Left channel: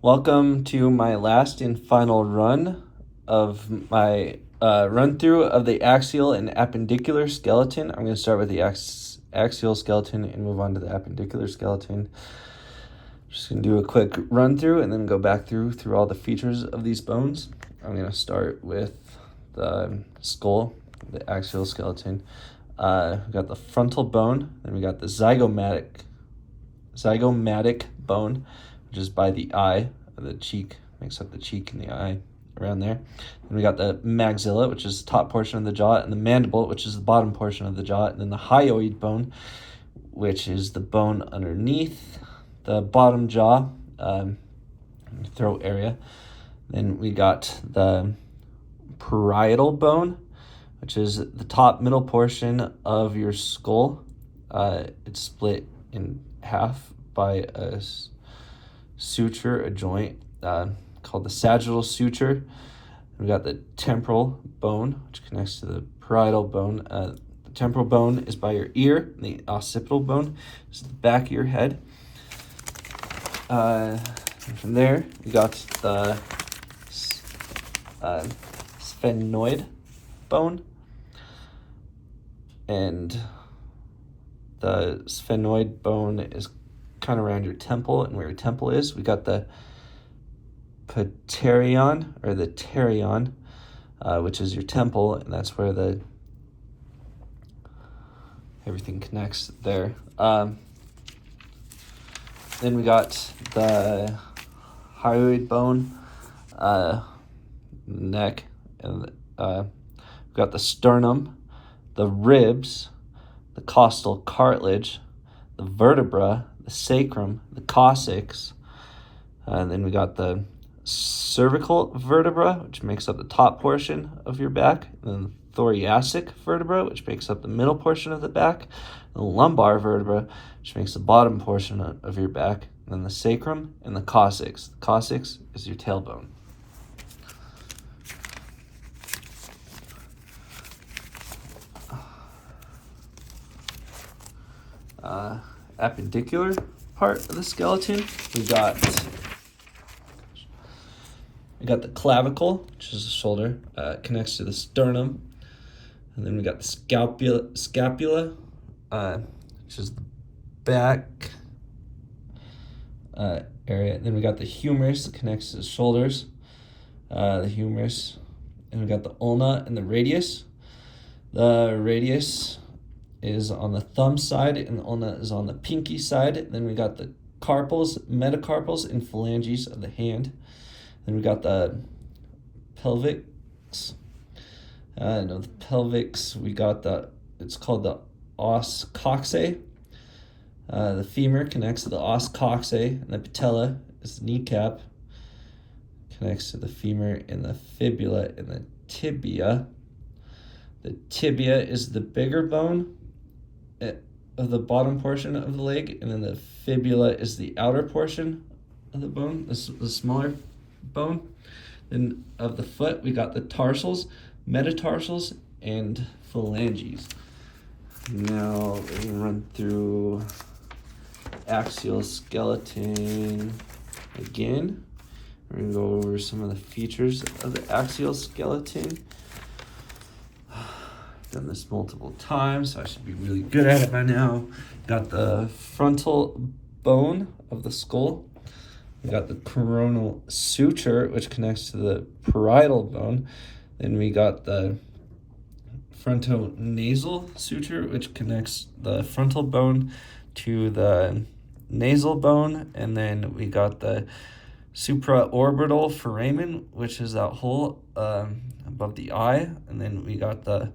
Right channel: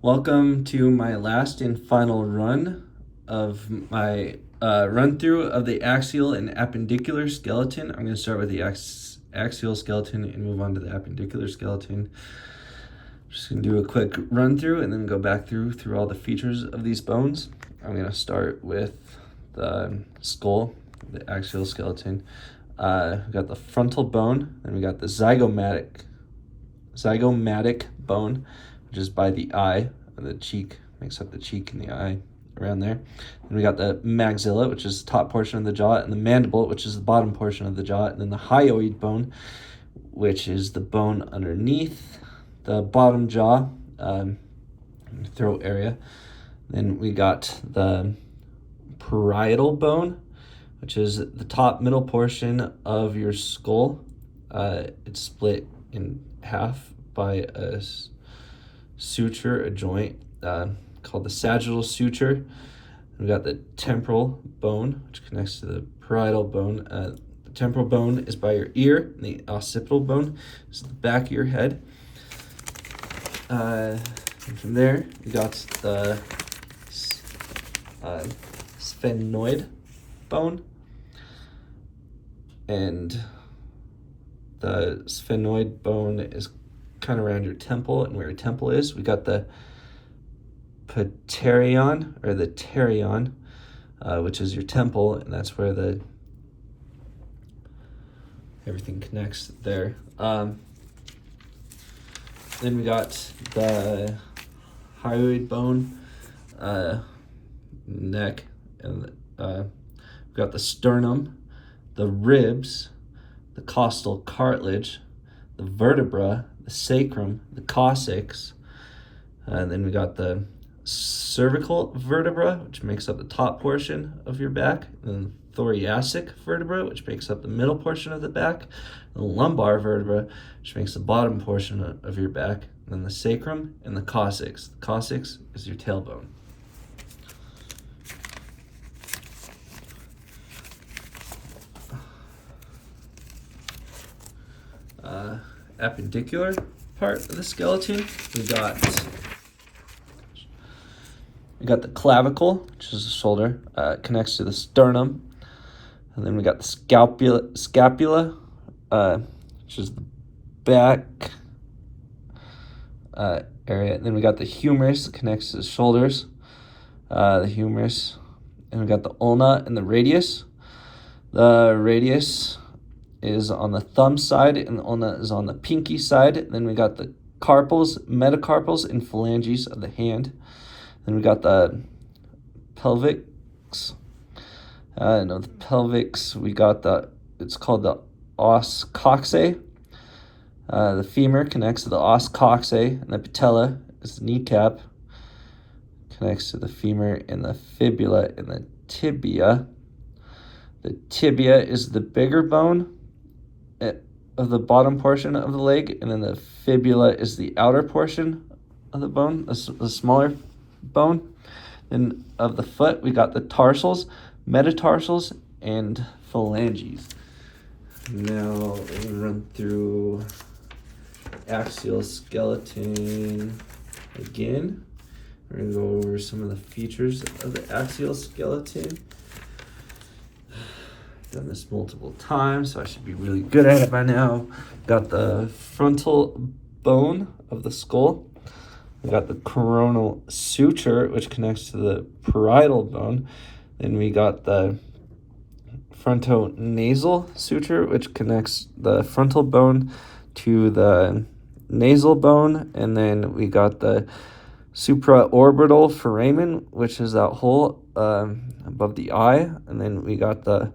Welcome to my last and final run of my run through of the axial and appendicular skeleton. I'm going to start with the axial skeleton and move on to the appendicular skeleton. Just going to do a quick run through and then go back through all the features of these bones. I'm going to start with the skull, the axial skeleton. We got the frontal bone, then we got the zygomatic bone, which is by the eye, the cheek, makes up the cheek and the eye around there. Then we got the maxilla, which is the top portion of the jaw, and the mandible, which is the bottom portion of the jaw, and then the hyoid bone, which is the bone underneath the bottom jaw, throat area. Then we got the parietal bone, which is the top middle portion of your skull. It's split in half by a suture, a joint called the sagittal suture. We got the temporal bone, which connects to the parietal bone. The temporal bone is by your ear, and the occipital bone is the back of your head. And from there, you got the sphenoid bone, and the sphenoid bone is kind of around your temple and where your temple is. We got the pterion, or the pterion, which is your temple, and that's where everything connects there. Then we got the hyoid bone, neck, and we got the sternum, the ribs, the costal cartilage, the vertebra, the sacrum, the coccyx, and then we got the cervical vertebra, which makes up the top portion of your back, and then the thoracic vertebra, which makes up the middle portion of the back, the lumbar vertebra, which makes the bottom portion of your back, and then the sacrum and the coccyx. The coccyx is your tailbone. Appendicular part of the skeleton, we got the clavicle, which is the shoulder, connects to the sternum, and then we got the scapula, which is the back area. And then we got the humerus, connects to the shoulders, the humerus, and we got the ulna and the radius. The radius is on the thumb side, and the ulna is on the pinky side. Then we got the carpals, metacarpals, and phalanges of the hand. Then we got the pelvics. The pelvics, we got it's called the os coxae. The femur connects to the os coxae, and the patella is the kneecap, connects to the femur, and the fibula and the tibia. The tibia is the bigger bone of the bottom portion of the leg, and then the fibula is the outer portion of the bone, the smaller bone. Then of the foot, we got the tarsals, metatarsals, and phalanges. Now we're gonna run through axial skeleton again. We're gonna go over some of the features of the axial skeleton. Done this multiple times, so I should be really good at it by now. Got the frontal bone of the skull. We got the coronal suture, which connects to the parietal bone. Then we got the frontonasal suture, which connects the frontal bone to the nasal bone. And then we got the supraorbital foramen, which is that hole above the eye. And then we got the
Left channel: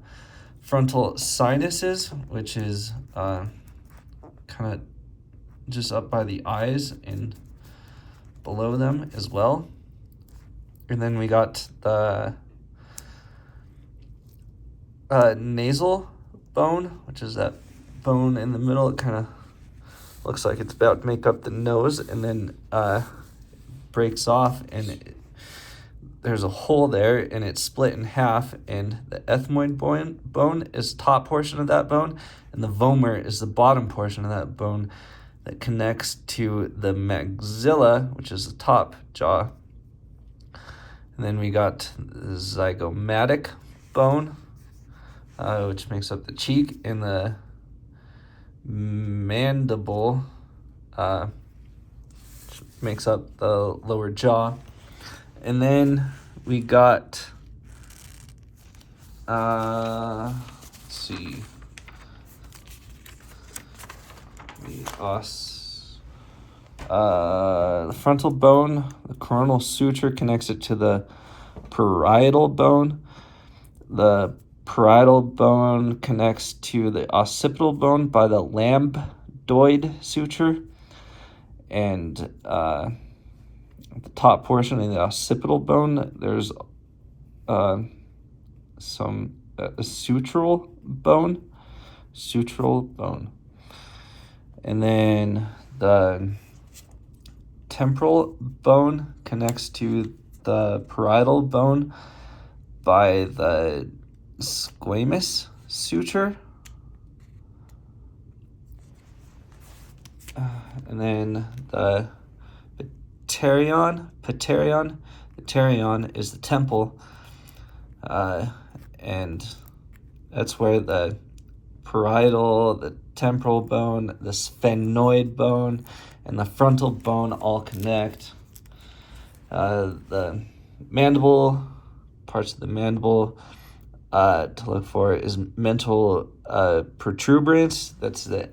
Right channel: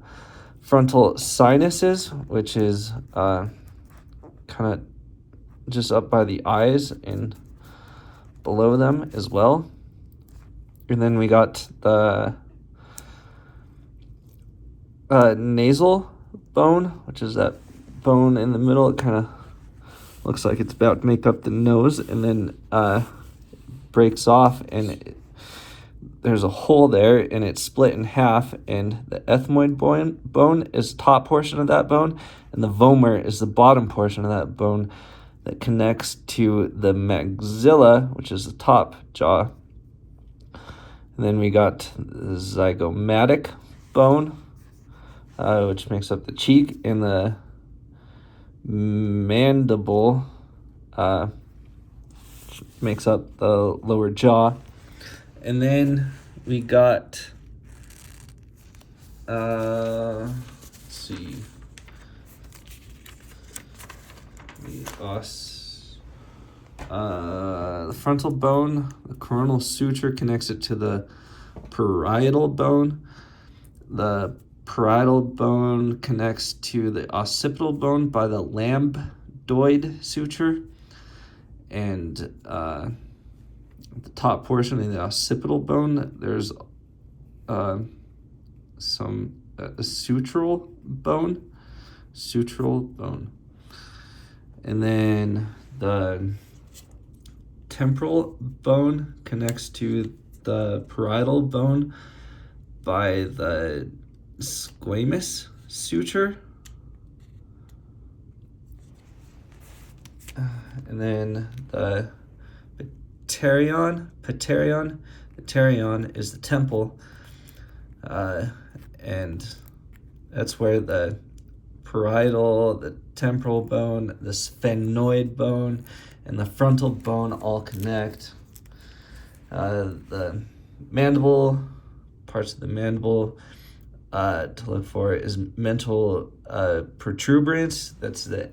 frontal sinuses, which is kind of just up by the eyes and below them as well. And then we got the nasal bone, which is that bone in the middle. It kind of looks like it's about to make up the nose, and then breaks off, and there's a hole there, and it's split in half, and the ethmoid bone is top portion of that bone, and the vomer is the bottom portion of that bone, that connects to the maxilla, which is the top jaw. And then we got the zygomatic bone, which makes up the cheek, and the mandible, which makes up the lower jaw. And then we got, let's see, the frontal bone, the coronal suture connects it to the parietal bone. The parietal bone connects to the occipital bone by the lambdoid suture. And at the top portion of the occipital bone, there's some sutural bone. And then the temporal bone connects to the parietal bone by the squamous suture. And then the paterion is the temple, and that's where the parietal, the temporal bone, the sphenoid bone, and the frontal bone all connect. The mandible, parts of the mandible to look for is mental protuberance. That's the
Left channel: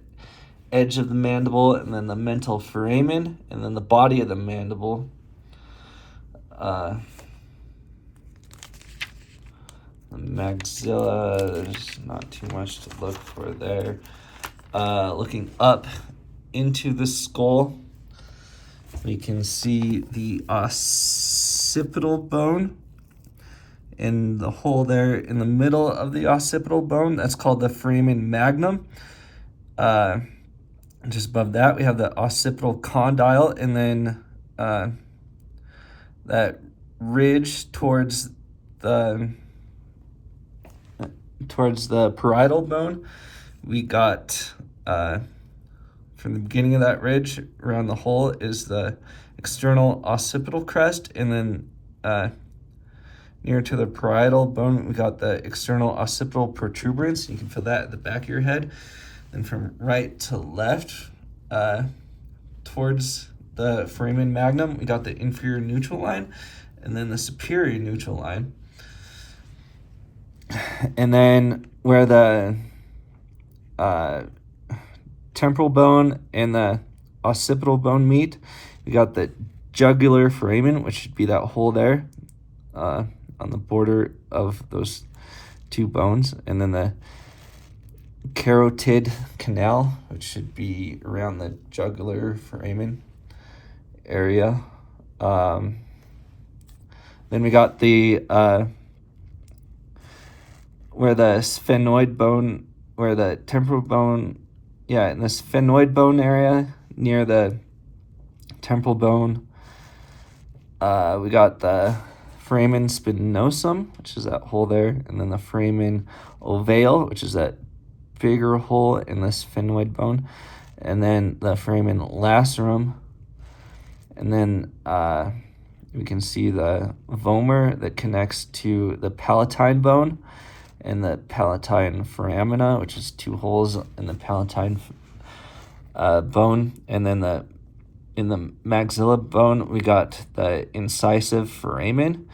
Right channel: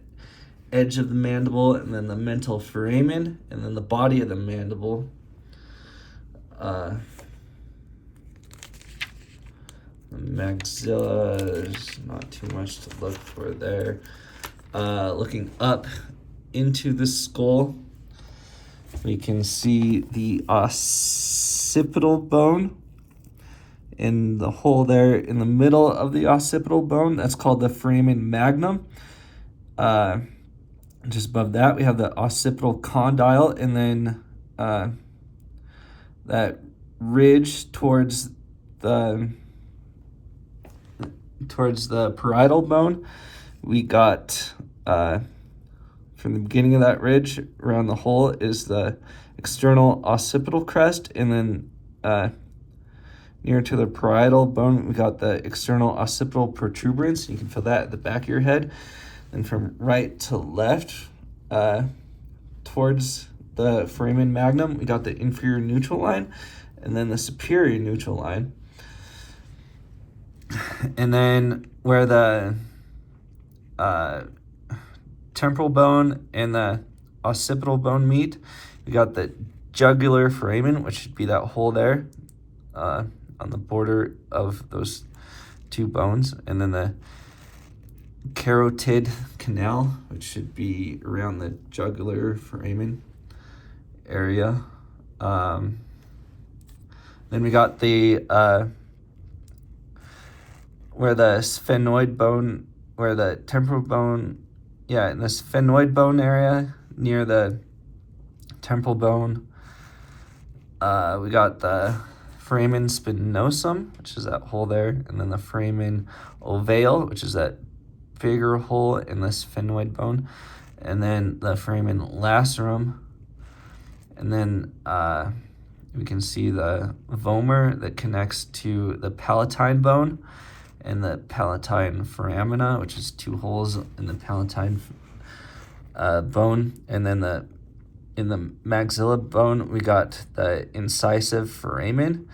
edge of the mandible, and then the mental foramen, and then the body of the mandible. The maxilla, there's not too much to look for there. Looking up into the skull, we can see the occipital bone in the hole there in the middle of the occipital bone. That's called the foramen magnum. Just above that, we have the occipital condyle, and then that ridge towards the parietal bone. We got from the beginning of that ridge around the hole is the external occipital crest, and then near to the parietal bone, we got the external occipital protuberance. You can feel that at the back of your head. And from right to left, towards the foramen magnum, we got the inferior neutral line, and then the superior neutral line. And then where the temporal bone and the occipital bone meet, we got the jugular foramen, which should be that hole there on the border of those two bones, and then the carotid canal, which should be around the jugular foramen area. Then we got the where the sphenoid bone, where the temporal bone, in the sphenoid bone area near the temporal bone, we got the foramen spinosum, which is that hole there, and then the foramen ovale, which is that bigger hole in the sphenoid bone, and then the foramen lacerum, and then we can see the vomer that connects to the palatine bone and the palatine foramina, which is two holes in the palatine bone, and then in the maxilla bone we got the incisive foramen,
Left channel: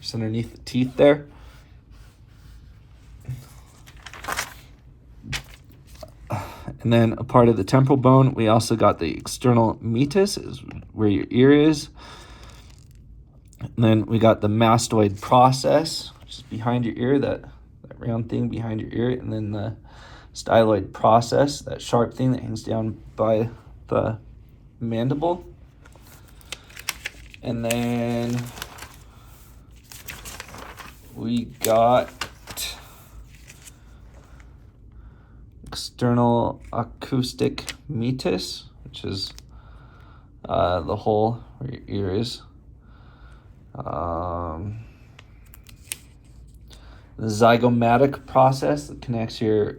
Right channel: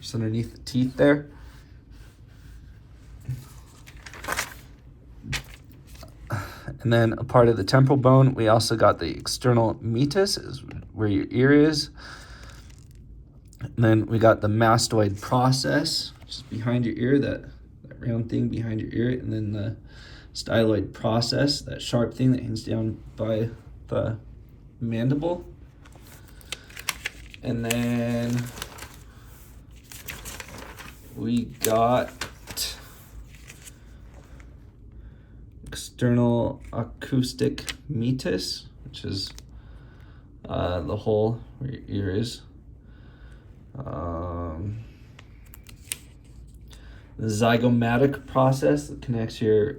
just underneath the teeth there. And then a part of the temporal bone, we also got the external meatus, is where your ear is. And then we got the mastoid process, which is behind your ear, that round thing behind your ear. And then the styloid process, that sharp thing that hangs down by the mandible. And then we got external acoustic meatus, which is the hole where your ear is. The zygomatic process that connects your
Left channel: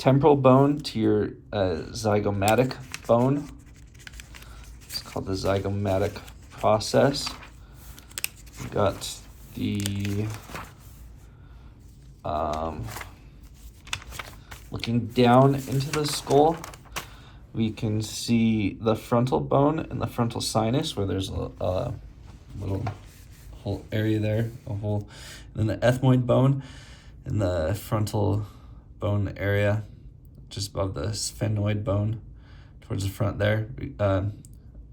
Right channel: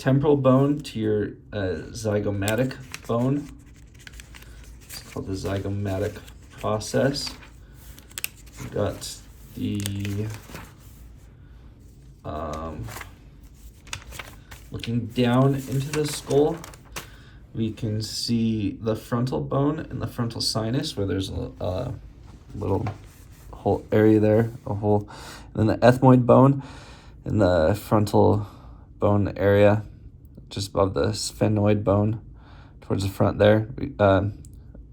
temporal bone to your zygomatic bone. It's called the zygomatic process. We got the looking down into the skull, we can see the frontal bone and the frontal sinus, where there's a little whole area there, a hole, and then the ethmoid bone and the frontal bone area just above the sphenoid bone towards the front there,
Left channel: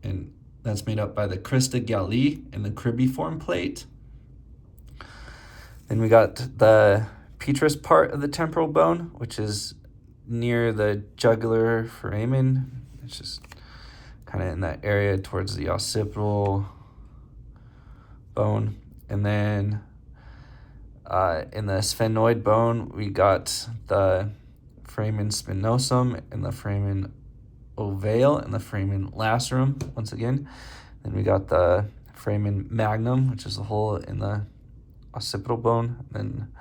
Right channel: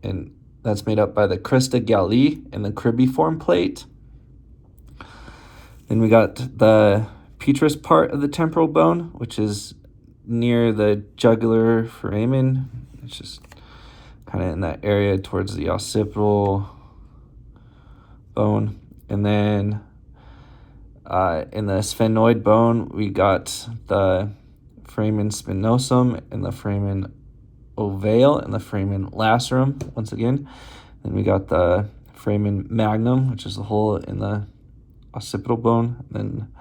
and that's made up by the crista galli and the cribriform plate. Then we got the petrous part of the temporal bone, which is near the jugular foramen. It's just kind of in that area towards the occipital bone. And then in the sphenoid bone, we got the foramen spinosum and the foramen ovale and the foramen lacerum once again. Then we got the foramen magnum, which is the hole in the occipital bone. Then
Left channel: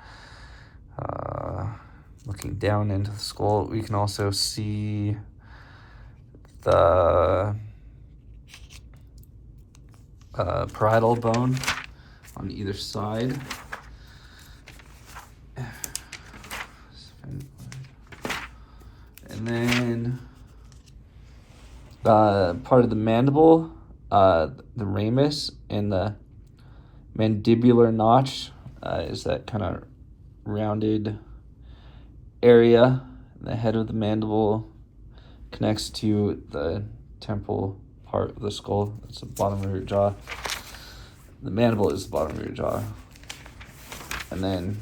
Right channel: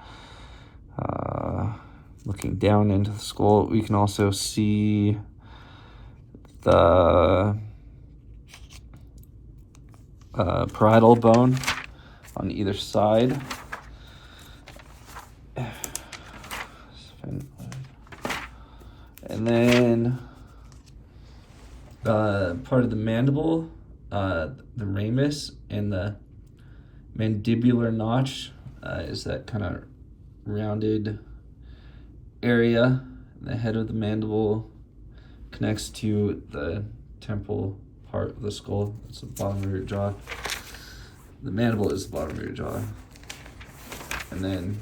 looking down into the skull, we can also see the parietal bone on either side. And then part of the mandible, the ramus and the mandibular notch is that kind of rounded area. The head of the mandible connects to the temporal part of the skull. That's the bottom of your jaw. The mandible is the bottom of your jaw. And then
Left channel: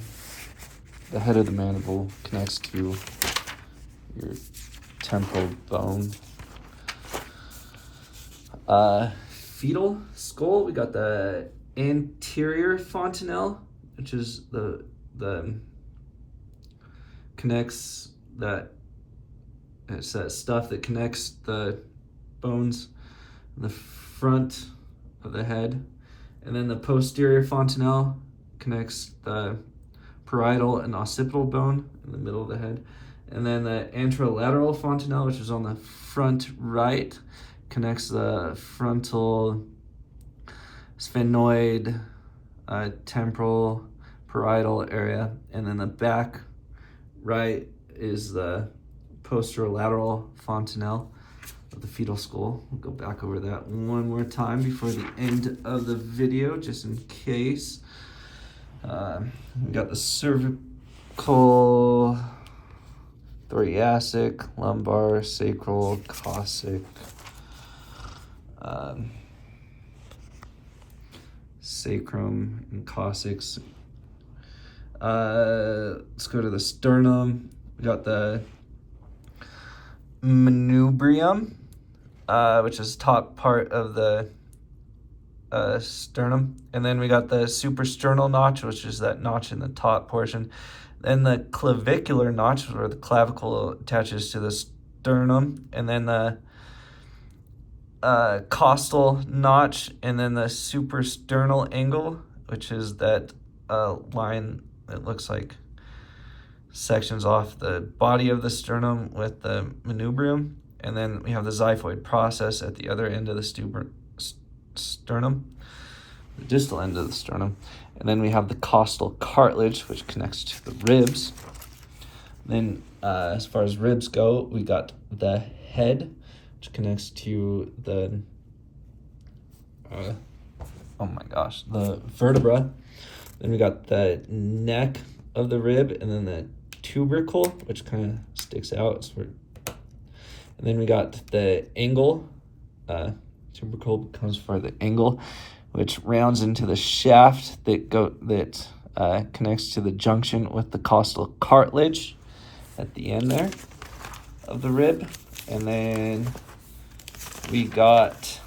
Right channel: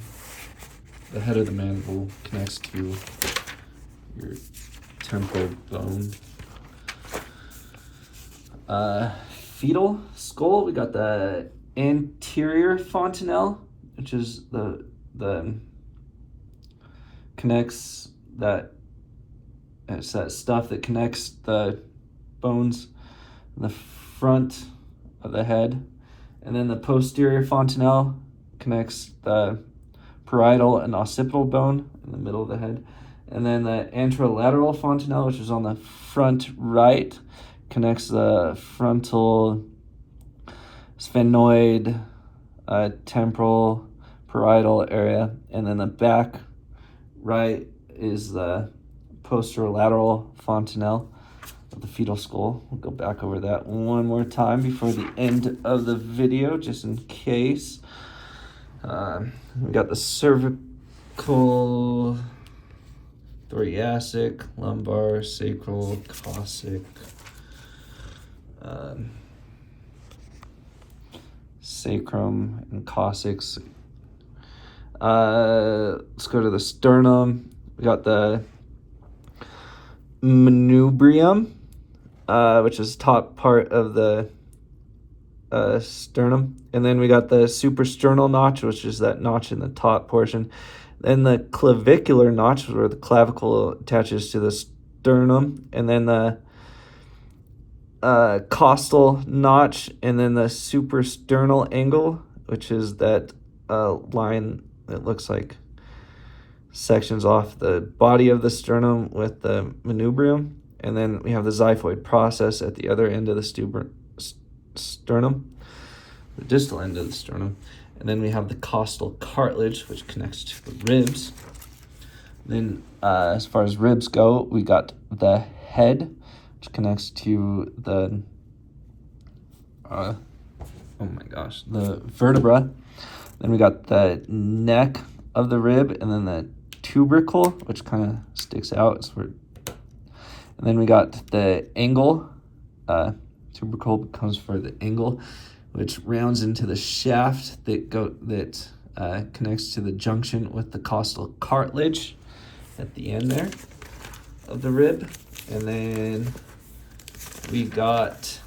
the head of the mandible connects to your temporal bone. Fetal skull, we got the anterior fontanelle, which is the connects that, it's that stuff that connects the bones in the front of the head. And then the posterior fontanelle connects the parietal and occipital bone in the middle of the head. And then the anterolateral fontanelle, which is on the front right, connects the frontal sphenoid, temporal, parietal area. And then the back right is the posterolateral fontanelle of the fetal skull. We'll go back over that one more time before the end of the video, just in case. We got the cervical, thoracic, lumbar, sacral, coccyx, sacrum, and coccyx. Let's go to the sternum. We got the manubrium, which is top part of the sternum. And then we got the suprasternal notch, which is that notch in the top portion. Then the clavicular notch, where the clavicle attaches to the sternum. And then the costal notch, and then the suprasternal angle, which is that line that looks like sections off the body of the sternum with the manubrium. And then we have the xiphoid process at the other end of the sternum, the distal end of the sternum. And then we have the costal cartilage, which connects to the ribs. Then as far as ribs go, we got the head, which connects to the the vertebra. Then we got the neck of the rib, and then the tubercle, which kind of sticks out. And then we got the angle. Tubercle comes for the angle, which rounds into the shaft that connects to the junction with the costal cartilage at the end there of the rib. And then we got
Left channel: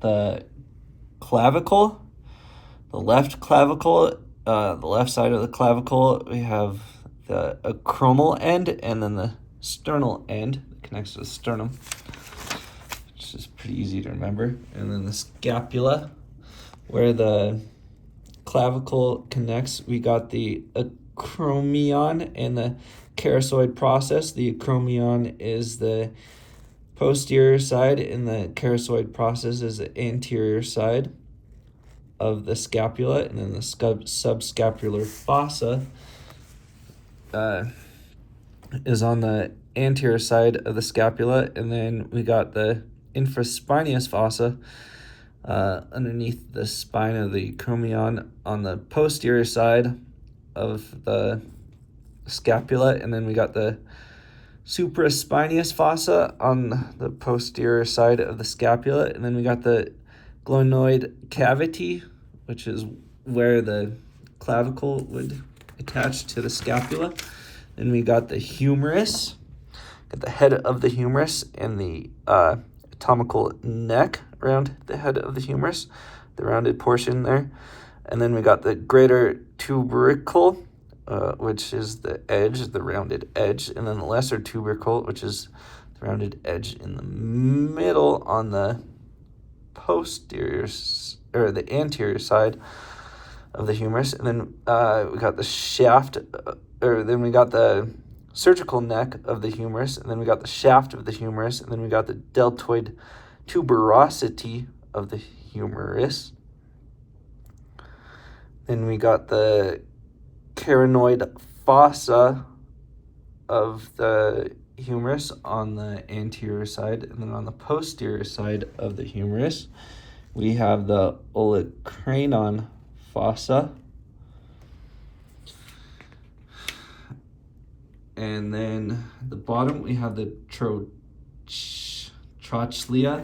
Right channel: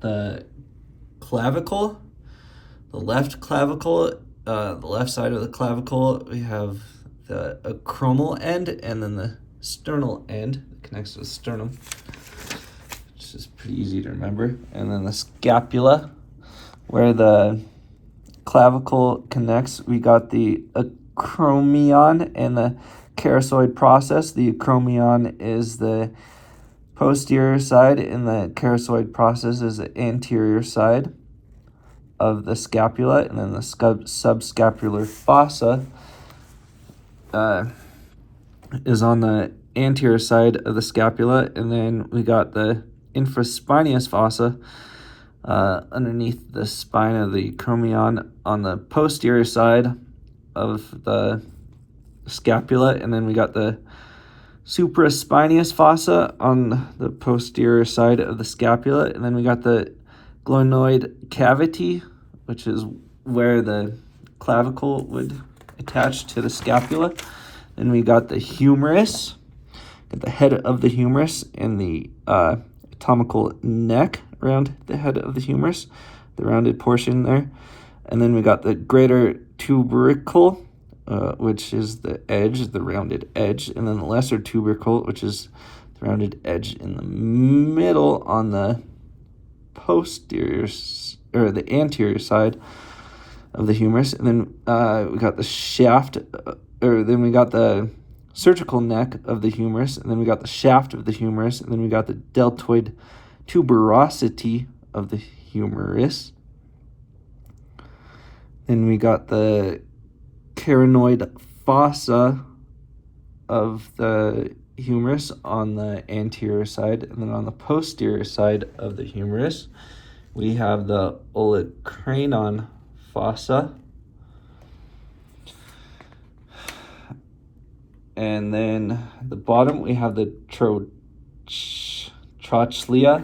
the clavicle, the left clavicle, the left side of the clavicle. We have the acromial end, and then the sternal end that connects to the sternum, which is pretty easy to remember. And then the scapula, where the clavicle connects, we got the acromion and the charasoid process. The acromion is the posterior side, and the charasoid process is the anterior side of the scapula, and then the subscapular fossa is on the anterior side of the scapula, and then we got the infraspinatus fossa underneath the spine of the acromion on the posterior side of the scapula, and then we got the supraspinatus fossa on the posterior side of the scapula, and then we got the glenoid cavity, which is where the clavicle would attach to the scapula. Then we got the humerus, got the head of the humerus and the anatomical neck around the head of the humerus, the rounded portion there. And then we got the greater tubercle, which is the edge, the rounded edge, and then the lesser tubercle, which is the rounded edge in the middle on the posterior, or the anterior side of the humerus. And then we got the shaft, or then we got the surgical neck of the humerus, and then we got the shaft of the humerus, and then we got the deltoid tuberosity of the humerus. Then we got the carinoid fossa of the humerus on the anterior side, and then on the posterior side of the humerus, we have the olecranon fossa. And then at the bottom, we have the trochlea,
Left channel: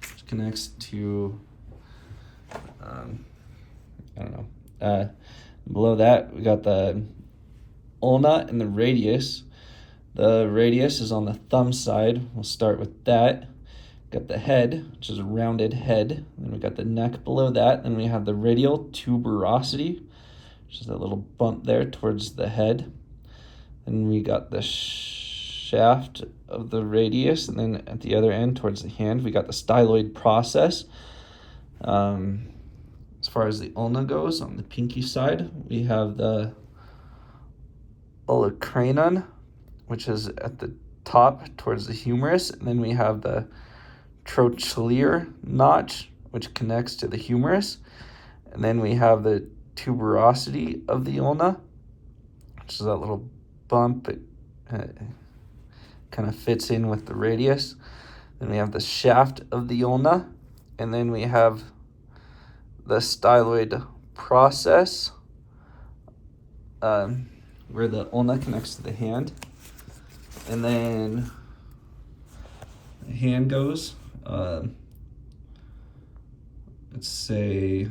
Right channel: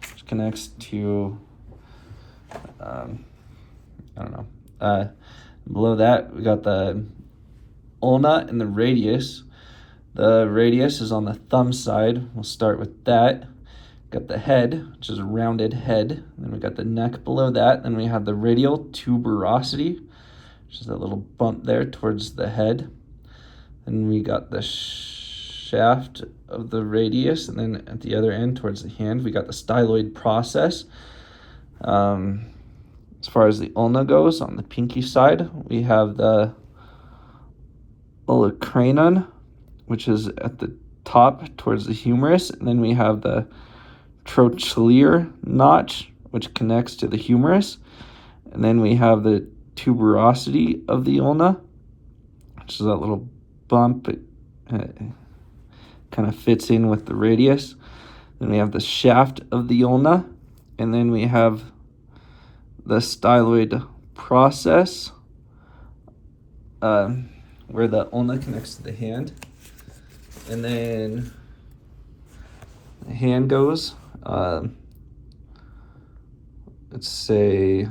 which connects to, I don't know. Below that, we got the ulna and the radius. The radius is on the thumb side. We'll start with that. Got the head, which is a rounded head. Then we got the neck below that. Then we have the radial tuberosity, which is that little bump there towards the head. Then we got the shaft of the radius, and then at the other end towards the hand, we got the styloid process. As far as the ulna goes, on the pinky side, we have the olecranon, which is at the top towards the humerus, and then we have the trochlear notch, which connects to the humerus, and then we have the tuberosity of the ulna, which is that little bump. It kind of fits in with the radius. Then we have the shaft of the ulna, and then we have the styloid process, where the ulna connects to the hand. And then the hand goes, let's say,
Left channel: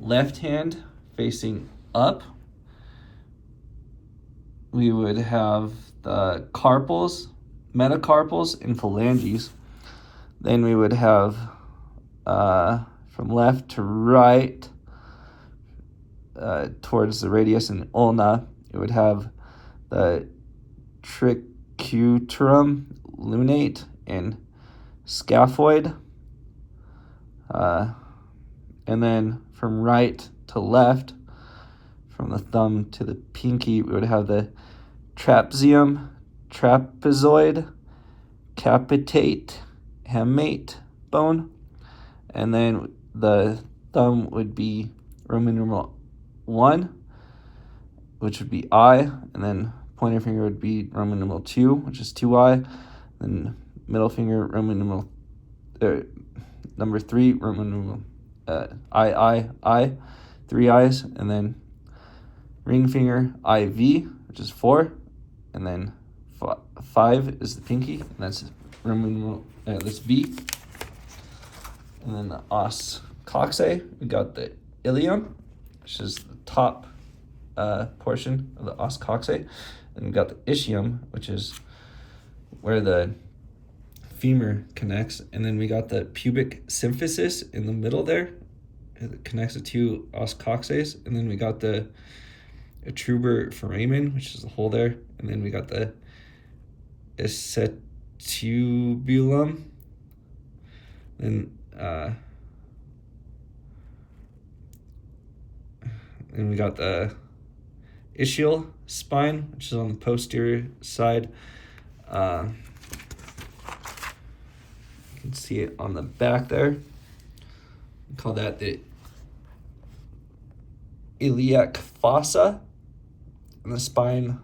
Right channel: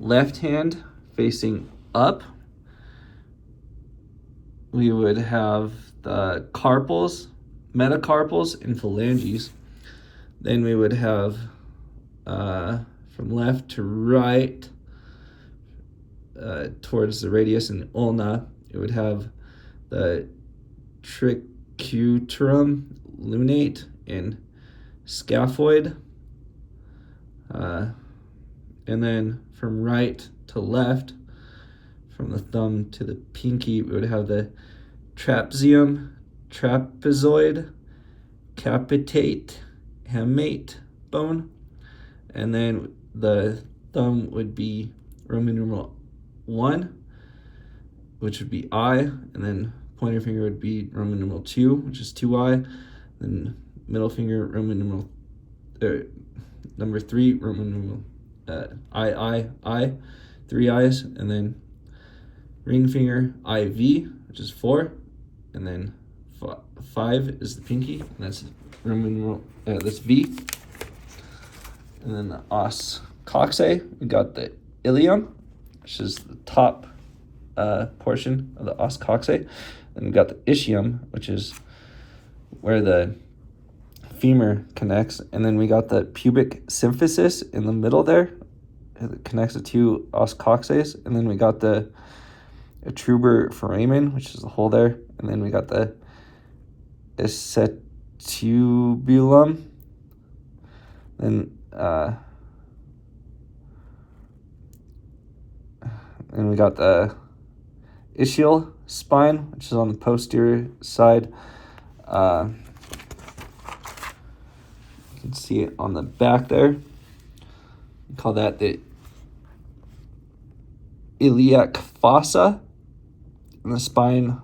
left hand facing up, we would have the carpals, metacarpals, and phalanges. Then we would have from left to right towards the radius and ulna, it would have the tricutum lunate and scaphoid. And then from right to left, from the thumb to the pinky, we would have the trapezium, trapezoid, capitate, hamate bone. And then the thumb would be Roman numeral 1, which would be I, and then pointer finger would be Roman numeral 2, which is 2I, then middle finger Roman numeral number 3, Roman numeral I, 3 I's, and then ring finger IV, which is 4, and then 5 is the pinky, and that's Roman numeral, that's V. And then the os coxae, we got the ilium, which is the top portion of the os coxae. Then we got the ischium, which is where the femur connects. And then we got the pubic symphysis in the middle there. It connects the two os coxae. And then we got the atruber foramen, which is the hole there. And then we got the acetubulum, Then we got the Ischial Spine, which is on the posterior side. You can see it on the back there. We call that the iliac fossa. And the spine,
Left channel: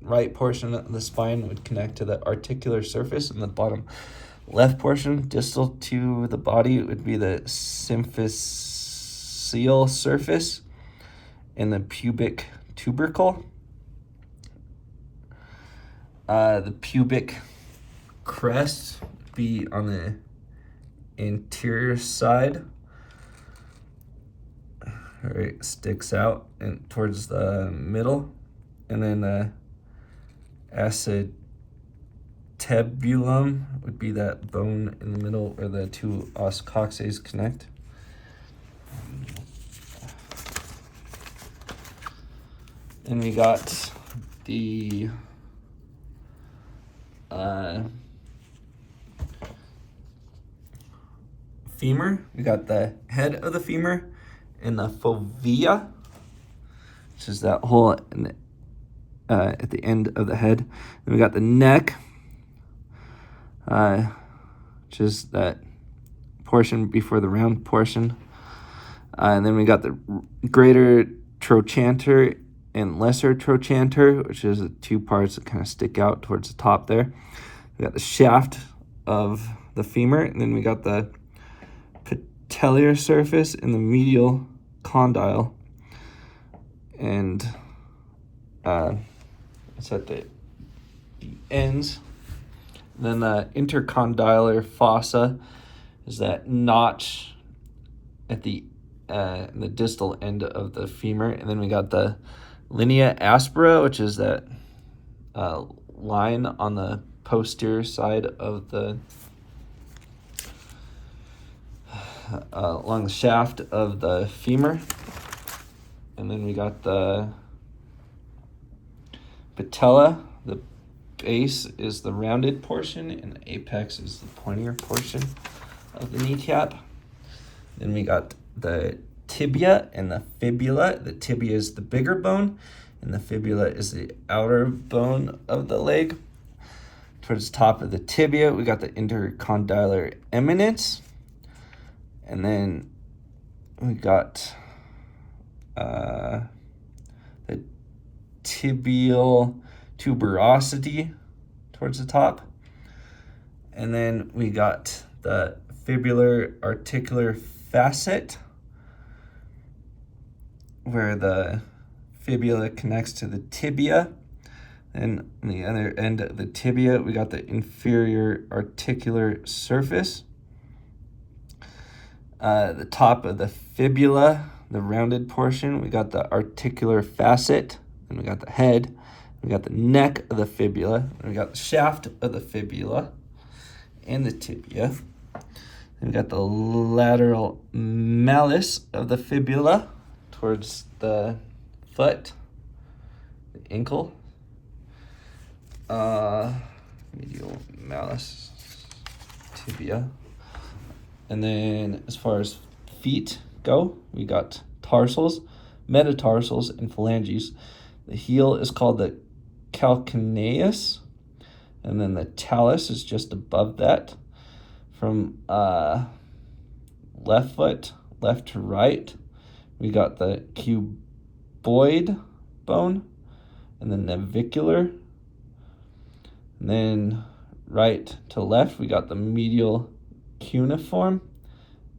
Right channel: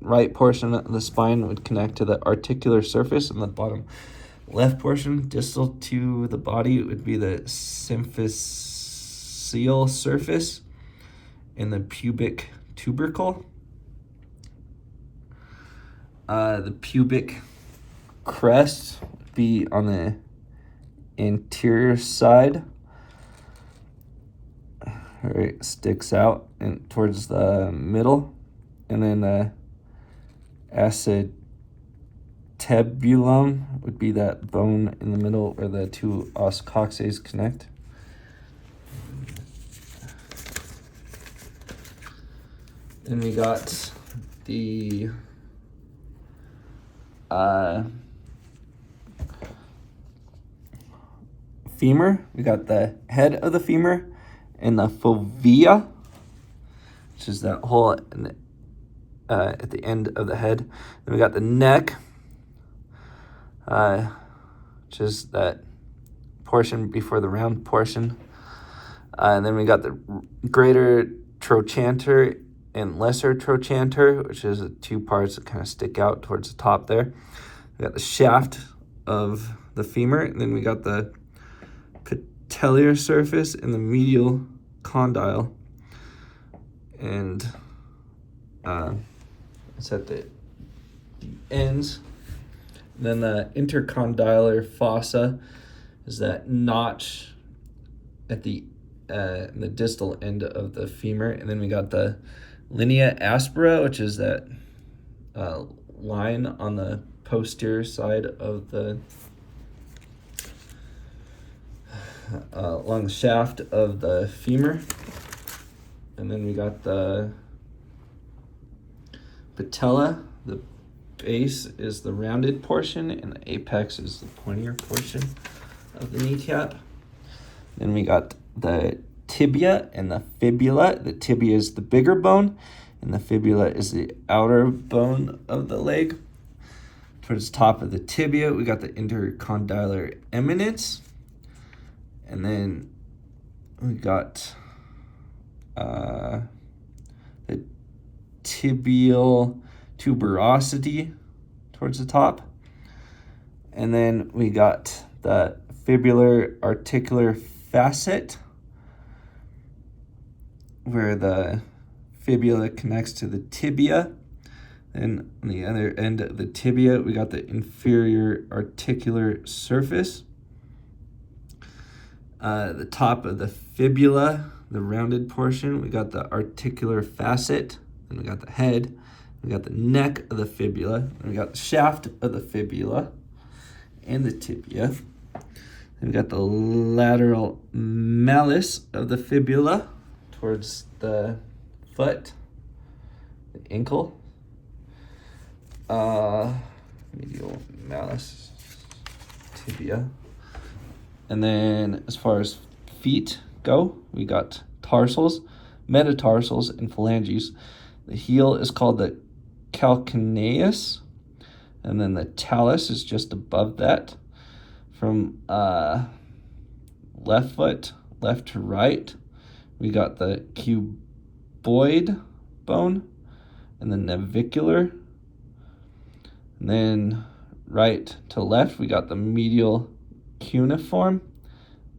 right portion of the spine would connect to the articular surface, and the bottom left portion, distal to the body, would be the symphyseal surface and the pubic tubercle. The pubic crest would be on the anterior side, where it sticks out and towards the middle, and then the acetabulum would be that bone in the middle where the two os coccyx connect. Then we got the femur. We got the head of the femur and the fovea, which is that hole at the end of the head. And we got the neck, which is that portion before the round portion. And then we got the greater trochanter and lesser trochanter, which is the two parts that kind of stick out towards the top there. We got the shaft of the femur, and then we got the patellar surface and the medial condyle, and it's at the ends. And then the intercondylar fossa is that notch at the distal end of the femur, and then we got the linea aspera, which is that line on the posterior side of the along the shaft of the femur. And then we got the patella. The base is the rounded portion, and the apex is the pointier portion of the kneecap. Then we got the tibia and the fibula. The tibia is the bigger bone, and the fibula is the outer bone of the leg. Towards the top of the tibia, we got the intercondylar eminence. And then we got the tibial tuberosity towards the top. And then we got the fibular articular facet, where the fibula connects to the tibia. And on the other end of the tibia, we got the inferior articular surface. The top of the fibula, the rounded portion, we got the articular facet, and we got the head, we got the neck of the fibula, and we got the shaft of the fibula and the tibia. And we got the lateral malleus of the fibula towards the foot, the ankle. Medial malleus, tibia. And then as far as feet go, we got tarsals, metatarsals, and phalanges. The heel is called the calcaneus, and then the talus is just above that. From left foot, left to right, we got the cuboid bone and the navicular. And then right to left, we got the medial cuneiform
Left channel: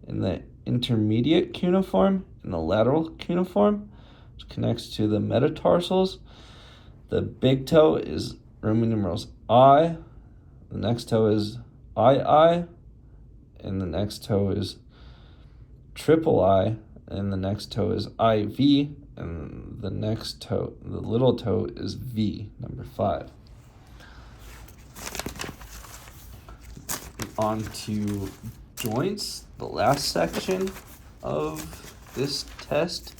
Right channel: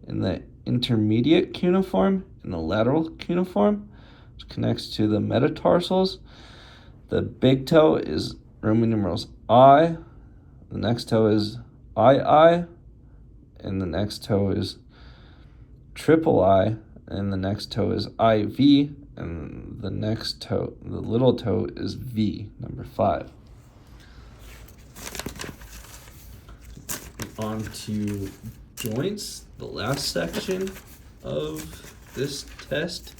and the intermediate cuneiform and the lateral cuneiform, which connects to the metatarsals. The big toe is Roman numerals I, the next toe is II, and the next toe is triple I, and the next toe is IV, and the next toe, the little toe, is V, number 5. On to joints, the last section of this test.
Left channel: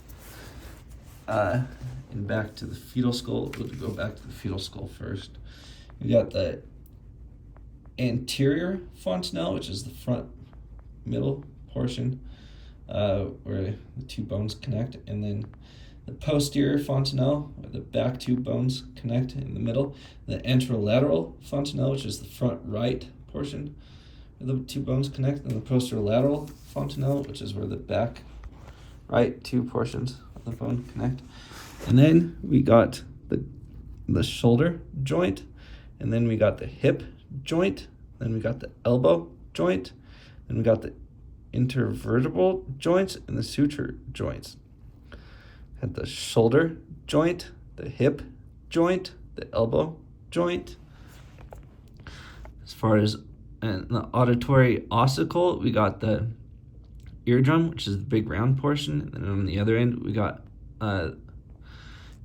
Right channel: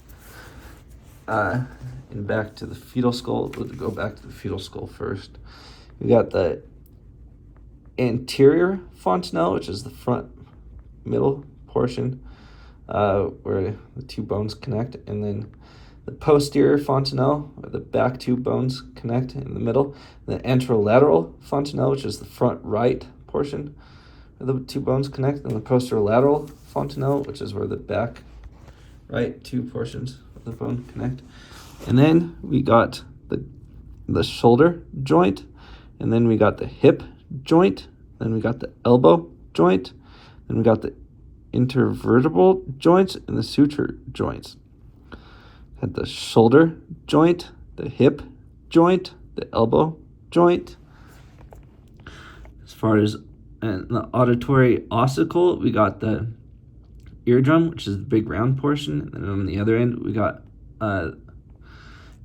And back to the fetal skull. We'll go back to the fetal skull first. We got the anterior fontanelle, which is the front middle portion where the two bones connect, and then the posterior fontanelle, where the back two bones connect in the middle, the anterolateral fontanelle, which is the front right portion where the two bones connect, and the posterolateral fontanelle, which is where the back right two portions of the bone connect. And then we got the shoulder joint, and then we got the hip joint, then we got the elbow joint, then we got the intervertebral joints and the suture joints. Had the shoulder joint, the hip joint, the elbow joint. As far as the auditory ossicle, we got the eardrum, which is the big round portion, and then on the other end we got kind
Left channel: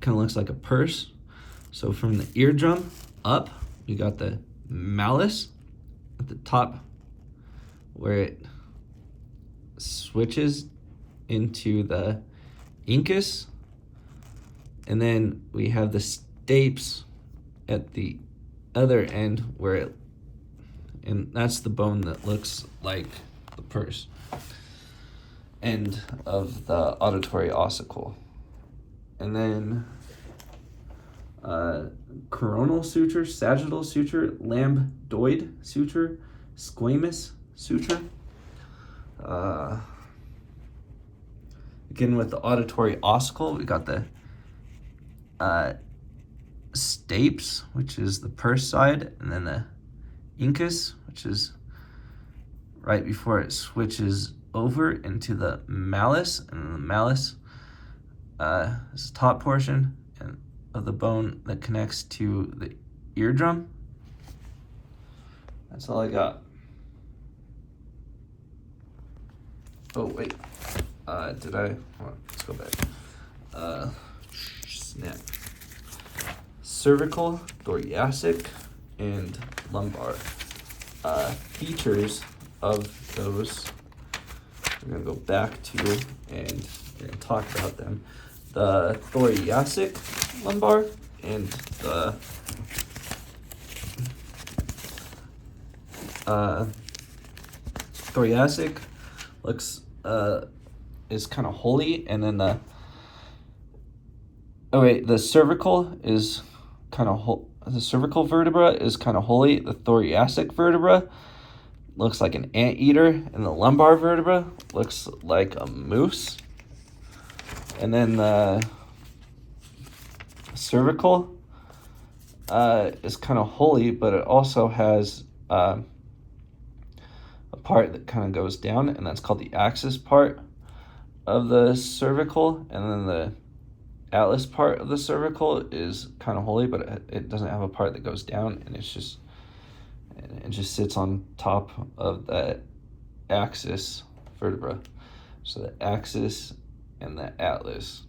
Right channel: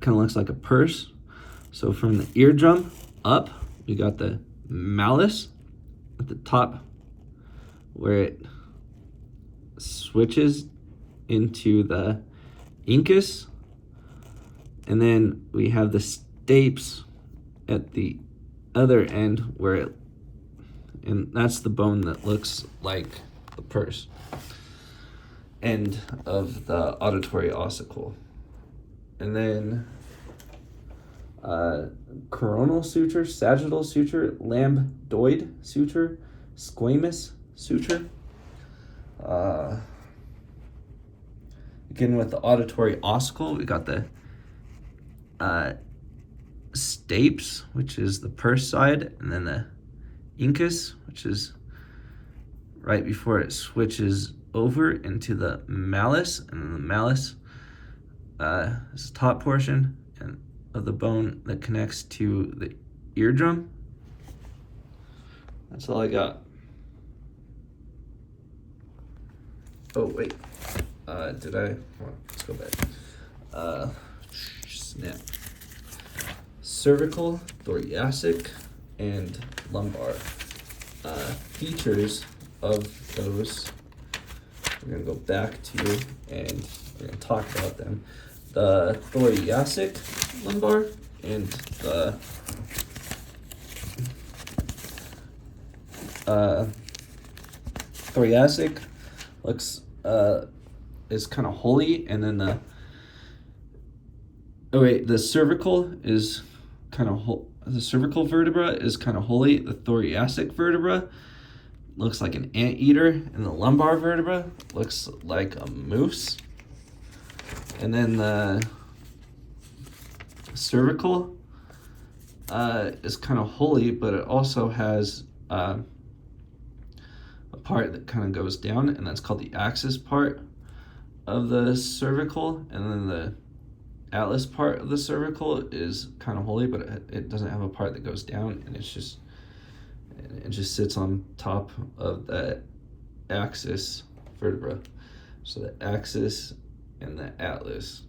of looks like a purse. So from the eardrum up, we got the malleus at the top, where it switches into the incus, and then we have the stapes at the other end where it, and that's the bone that looks like the purse end of the auditory ossicle. And then coronal suture, sagittal suture, lambdoid suture, squamous suture. Again, with the auditory ossicle, we got the stapes, which is the purse side, and then the incus, which is right before it switches over into the malleus, and then the malleus is the top portion of the bone that connects to the eardrum. That's all I got. Oh wait, let's go back. Snap. Cervical, thoracic, and lumbar. Features of those we're gonna go back to, and we're gonna talk about them. The thoracic lumbar and the thoracic looks is kind of holy, and then the cervical is kind of the cervical vertebra is kind of holy. The thoracic vertebra looks like an anteater, and the lumbar vertebra looks like a moose. And then the cervical is kind of holy, but it also has a part that kind of goes down, and that's called the axis part of the cervical. And then the atlas part of the cervical is kind of holy, but it doesn't have a part that goes down, and it just sits on top of that axis vertebra. So the axis and the atlas.